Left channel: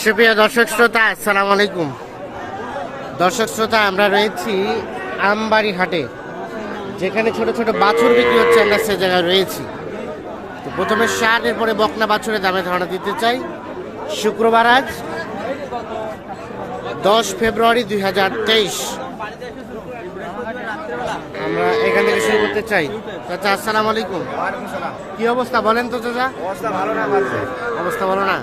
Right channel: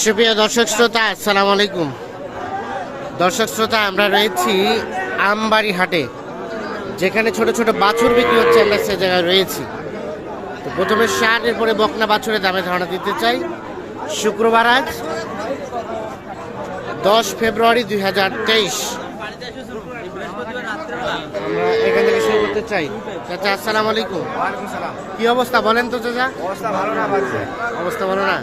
সুপ্রিয় দর্শক শ্রোতা, আসসালামু আলাইকুম। দর্শক শ্রোতা, আমরা রয়েছি আমবাড়ি হাটে, যেখানে ছোট ছোট বাছুর বিক্রি হচ্ছে, আমরা সে জায়গায় রয়েছি। তো প্রথমে ষাট এরপরে বকনা বাছুরের দামে ধারণা দিতে চাই। শুক্রবার আজ, দশ ফেব্রুয়ারি দুই হাজার তেইশ। আমরা এখান থেকে শুরু করতে চাই। চাচা আসসালামু আলাইকুম। সালাম। কি অবস্থা বলেন তো চাচা? অবস্থা ভালো না বাজছে অবস্থা ভালো না?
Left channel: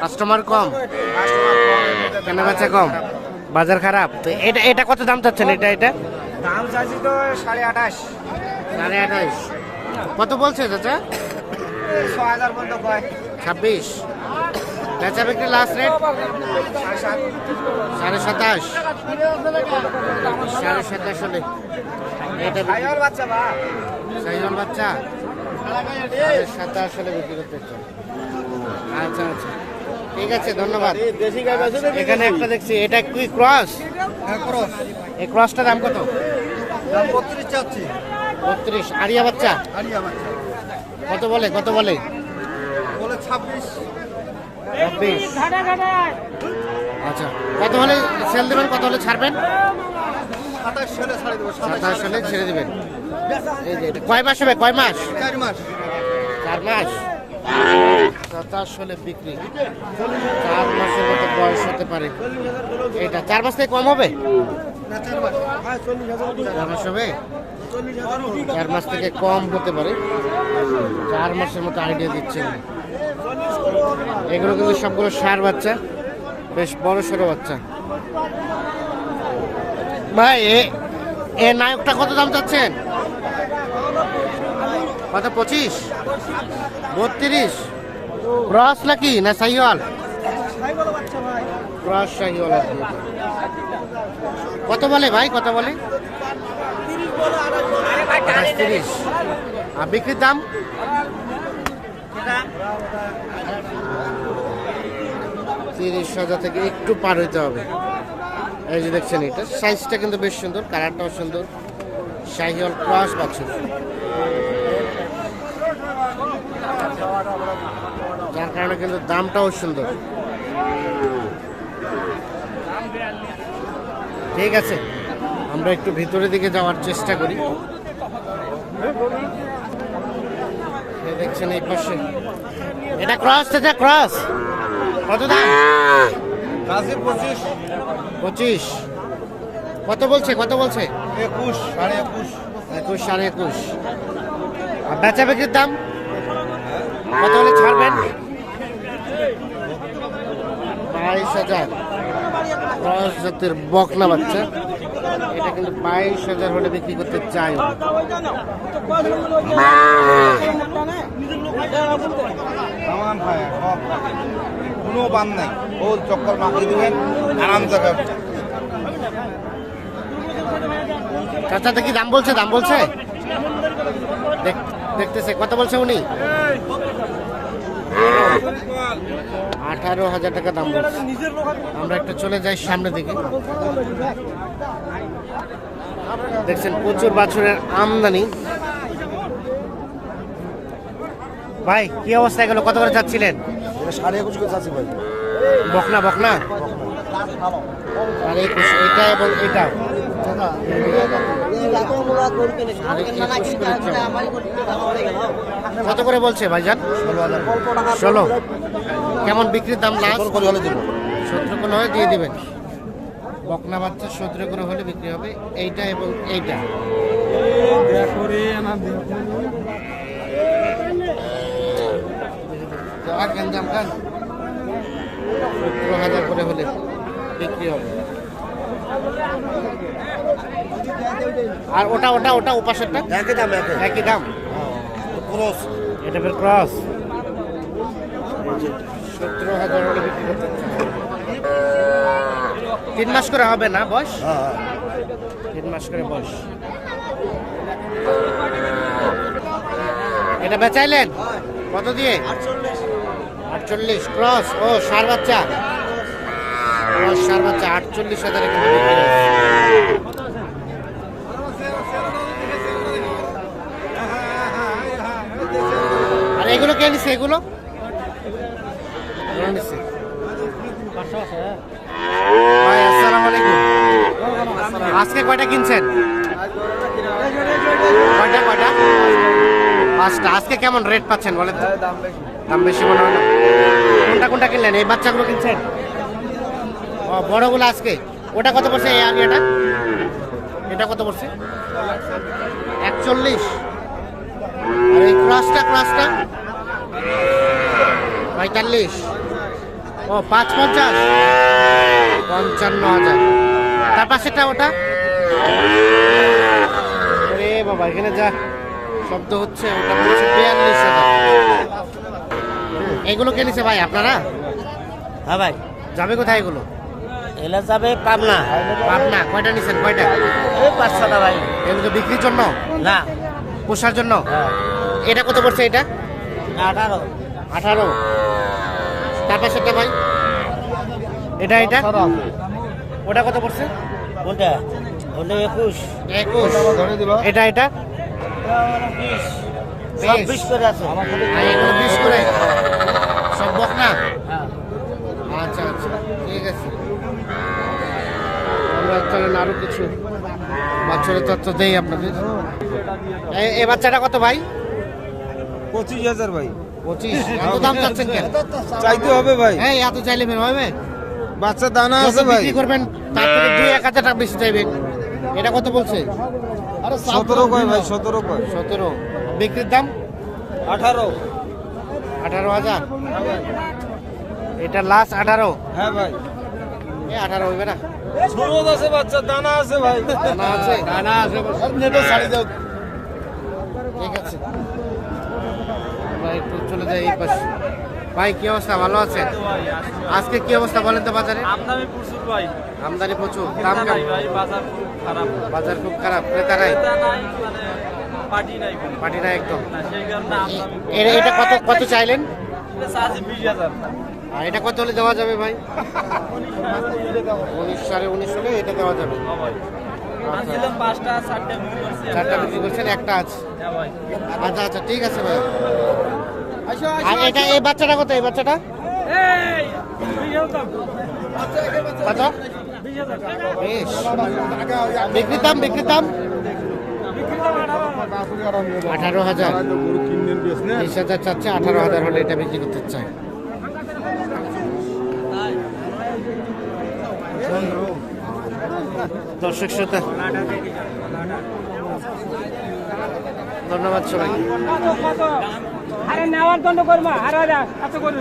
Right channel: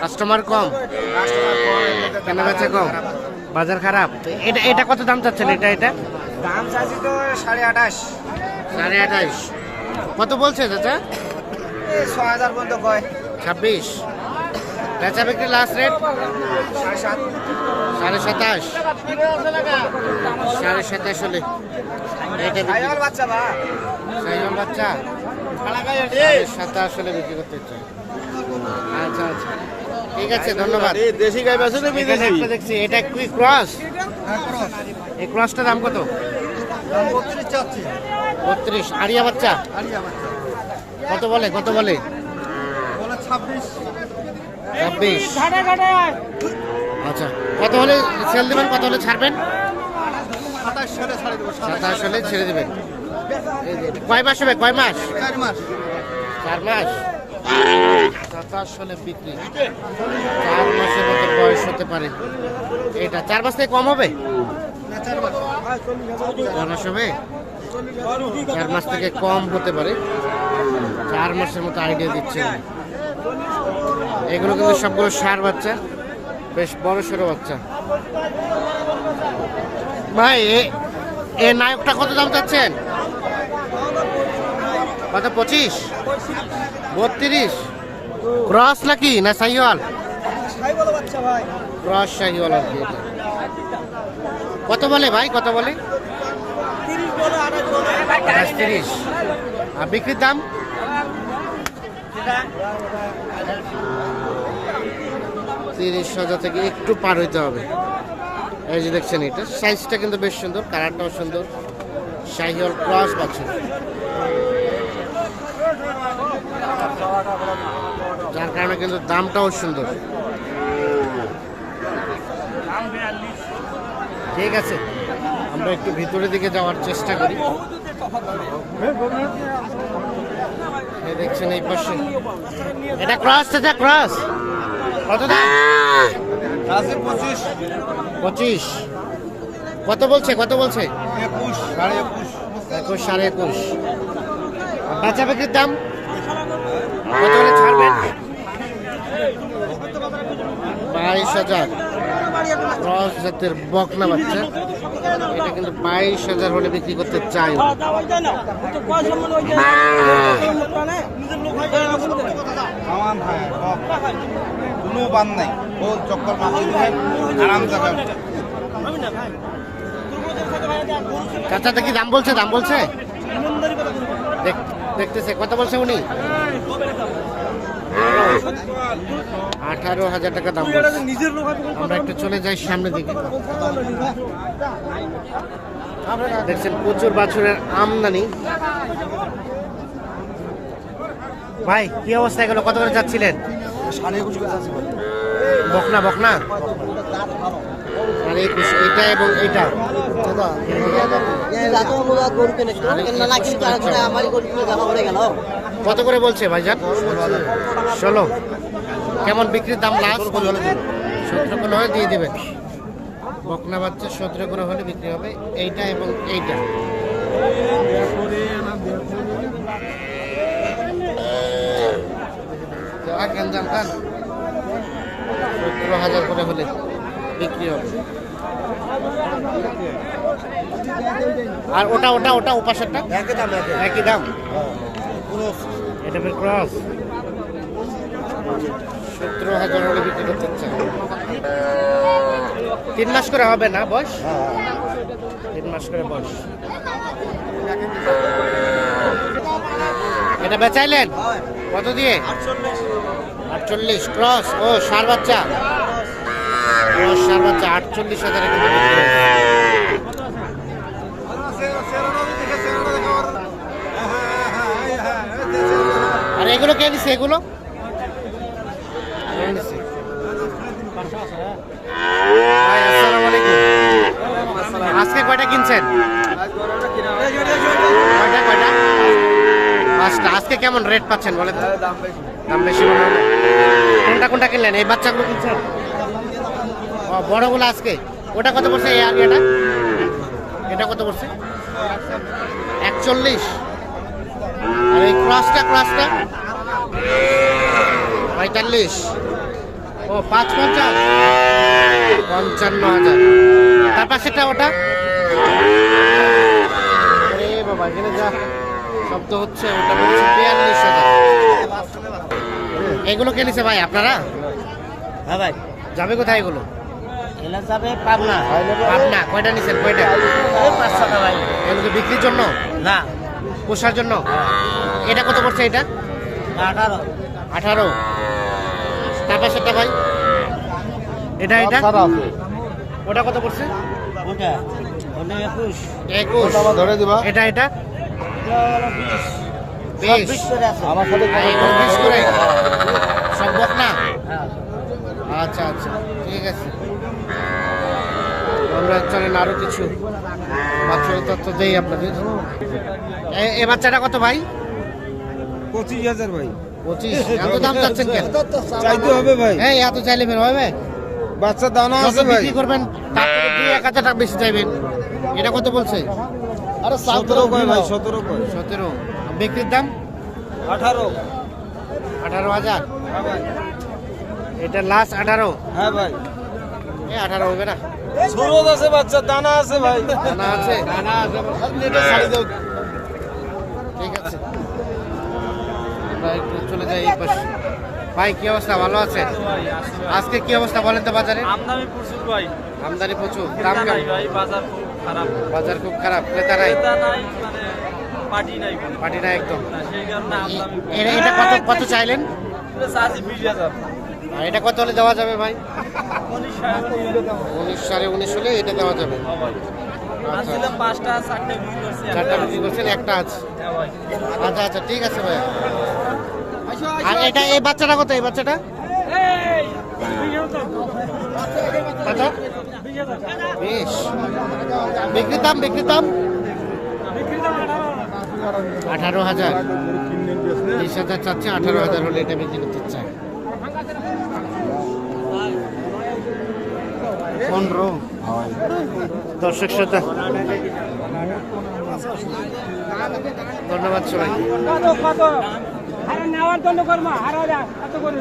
কাস্টমার কম? কাস্টমার কম কেনা বেচা কম? বাজার খারাপ? তো এটা এটা কত দাম চাচ্ছেন এটা এটা? দাম চাইছি তো সাড়ে আঠাশ। সাড়ে আঠাইশ কত বলছে চাচা? ছ হাজার পর্যন্ত কয়। ছাব্বিশ। বেচা বিক্রি লাস্ট রেট সাড়ে সাতাশ। সাড়ে সাতাশ হলে এটা বাচ্চা বাচ্চা? সাতাশ হলে বিক্রি করতে চাই। আচ্ছা আচ্ছা। ঠিক আছে ধন্যবাদ। দেশি গাই এখানে একটা দেখছি এটা কি ক্রস? এই ক্রসটার দাম কত? বত্রিশ আরিয়া বাচ্চা? কত বলে কত বলে? ছাব্বিশ। আচ্ছা কত হলে সেল দেবেন কত হলে ছাড়বেন? সাতাশ হলে ছেড়ে দেবেন। কয় মাস হবে? কয় মাস? চার মাস। সাতাশ হলে বিক্রি। চার মাসের মতো বয়স হতে পারে। এটা চার মাস থেকে কম হবে? চার মাস। হবে? চার মাস থেকে কম হতে পারে। চার মাসের মতো আইডিয়া দিচ্ছেন। এগুলো কিন্তু সবগুলো সার বাচ্চা বেশ বড় সড়ো বাচ্চা। ভাই, এ- নায়কটা কত দাম চাচ্ছেন? কত, পঁচিশ? বত্রিশ? ক্রস নাকি, না সাইওয়াল? ক্রস সাইওয়াল কত বলে ভাই, কত বলে? আঠাশ তিরিশ। আর বিক্রির দাম? তিরিশ হাজার থেকে একটু পার হইতে হবে। এই যে দেখছেন এটা। সাইজটা কিন্তু বেশ সুন্দর কালারটাও সুন্দর। শাহিওয়াল ক্রস বাছুর যার কারণে কিন্তু দামটাও সুন্দর। ঠিক আছে, আমরা একটু ভিতরের দিকে যাওয়ার চেষ্টা করি। দেখছেন এই পাশে। এটা ক্রস এটা ক্রস কত দাম? পঁচিশ। কত বলছে? কত বলছে? একুশ সাড়ে একুশ। একুশ সাড়ে একুশ। আর বেচা বিক্রির দাম? কত হলে ছাড়বেন? বাইশ হাজার। ক্রস জাতের বকনা বাচ্চা। এটা কিন্তু বাইশ হাজার হলে বিক্রি করতে চাই হয় সব কোনো বান নাই। ও চক্কর মাটি দিবেন আরাম জায়গা। চাচা দেখি দাম বলছে দাম বলছে? দেখ- দেখতেছে, কত বলছে উনি? আঠারো হাজার টাকা দাম বলছে। আমরা একটু চলে যাই সামনে দিকে। দেখছেন, প্রচুর বাছুরের আমদানি। ভাই, কি অবস্থা গেল কত করে যাচ্ছিলেন? বকনা বকনা? সাড়ে একুশ এইটা এবং চাও। কত করে বলছে ভাইজান? ষোলো। কেমন বিক্রির দাম করে সতেরো করে দিয়ে দিবেন। বকনা বাচ্চা সতেরো করে হলে বিক্রি হবে। এইটা এবং এইটা। আর গেঞ্জাম খান। সতেরো হাজার করে হলে বিক্রি হবে। আর ওটা ওটা ওটা ওপাশেরটা? একই দাম একই। দাম? এটা ফের ক্রস? সতেরো হাজার হলে বিক্রি করতে তিন মাস করে হবে না হ্যাঁ তিন মাস করে বয়স। এটা বেচাইলেন? কত দিয়ে? আটচল্লিশ। আটচল্লিশ, ক্রস, ও সার বাচ্চা। ক্রস, সার বাচ্চা, আটচল্লিশ হাজার আর এগুলো কে নিছে, এগুলো? আজকে কয়টা কিনছেন? কয়টা কয়টা? পাঁচটা। আজকে কেমন রেট পাচ্ছেন, বলেন তো? দাম বেশি মনে হলো কোনটা কোনটা কিনলেন? এই বাচ্চাগুলো কিনছেন? ও, বড়গুলো আজকে। ওটা কত পড়ছে এই আগে এটা এটা কত পড়ছে? একচল্লিশ। আর এই ক্রসটা ক্রসটা? পঁয়তাল্লিশ। ও, পাঁচ পঞ্চাশ। পঞ্চান্ন হাজার। তার পাশেটা ওটা? বাবা, এখানে যা শব্দ হচ্ছে, ওটা হচ্ছে বিয়াল্লিশ হাজার। এগুলো কে নিছে ভাই আপনারা? হ্যাঁ ভাই। যাবে কোথায় এগুলো? এলে যাবে পাবনা। পাবনা কয়টা নিছেন কয়টা? পাঁচ ছটা ভাই। এগুলো বিক্রির জন্য? না। পোষার জন্য? হ্যাঁ। এটা কত পড়ছে এটা? আঠারো। আঠারো। তার পাশেরটা ভাই? এটা এটা? ওটা কত পড়ছে? ওটা একুশ। একুশ। ধরে এটা এটা? বিশ। সব বিশ। বিশ করে আছে। আমার সাথে আর এগুলো বিশ করে। সব বক না হ্যাঁ। আচ্ছা আচ্ছা ঠিক আছে। আমরা চলেন আরও কিছু বাচ্চাদের তথ্য দেই আপনাদের। এ- এ বাচ্চাটা কত ভাই? পঁচিশ হাজার ভাই। পঁচিশ। এত দাম চাচ্ছেন কেন? চাইতে হবে ভাই। হ্যাঁ এত চাইলে বের হবে। বাচ্চা দানা আছে ভাই। বিক্রি করবেন তার থেকে দুই এক হাজার টাকা বেশি চাইবেন। এটা কত বলছে? আরে সতেরো কয় ভাই সতেরো। কয়। সতেরো। বিক্রির দাম? আঠারো। আঠারো হাজার? হ্যাঁ এটা লাস্ট আঠারো? হ্যাঁ ভাই। এ আঠারো হবে না। সুরজ আছে বাচ্চা দানা আছে ভাই। দানা আছে? দানা ঠিক আছে। একটু চলে যাই এই পাশে। ভাই কি অবস্থা? ভালো আছে? আজকে কি অবস্থা বলেন তো বাজারে? আমদানি প্রচুর ভাই। আমদানি প্রচুর। দাম কেমন? ভাই বাজার খুব খারাপ। বাজার খুব খারাপ। ক্রেতা নাই? ক্রেতা নাই মানে পার্টি নাই কোনো। পাটি না একদম। সেই কারণে আমদানি এ- এটা কত কত চাইলেন? বিশ হাজার। আর এটা কত হলে দেওয়া যাবে ভাই? উনিশ সাড়ে উনিশ। উনিশ সাড়ে উনিশ হলে এটা দেওয়া যাবে। হ্যাঁ ভাই আচ্ছা। আনছিলাম পাঁচটা চারটে বিক্রি করছি চারটা একটা বিক্রি করছেন একটা আছে। হ্যাঁ ভাই আচ্ছা আচ্ছা ঠিক আছে ভাই। আর এটা এই বাচ্চাটা কত? এই বাচ্চাটা? কত? বেশ। বিক্রির দাম বিক্রির দাম? আঠারো হাজার। বিশ হাজার চাচ্ছে আঠারো হাজার হলে এটা বিক্রি করতে চাই দর্শক শ্রোতা ধন্যবাদ সবাইকে। আরে নেওয়ার জন্য করব আরে এত করে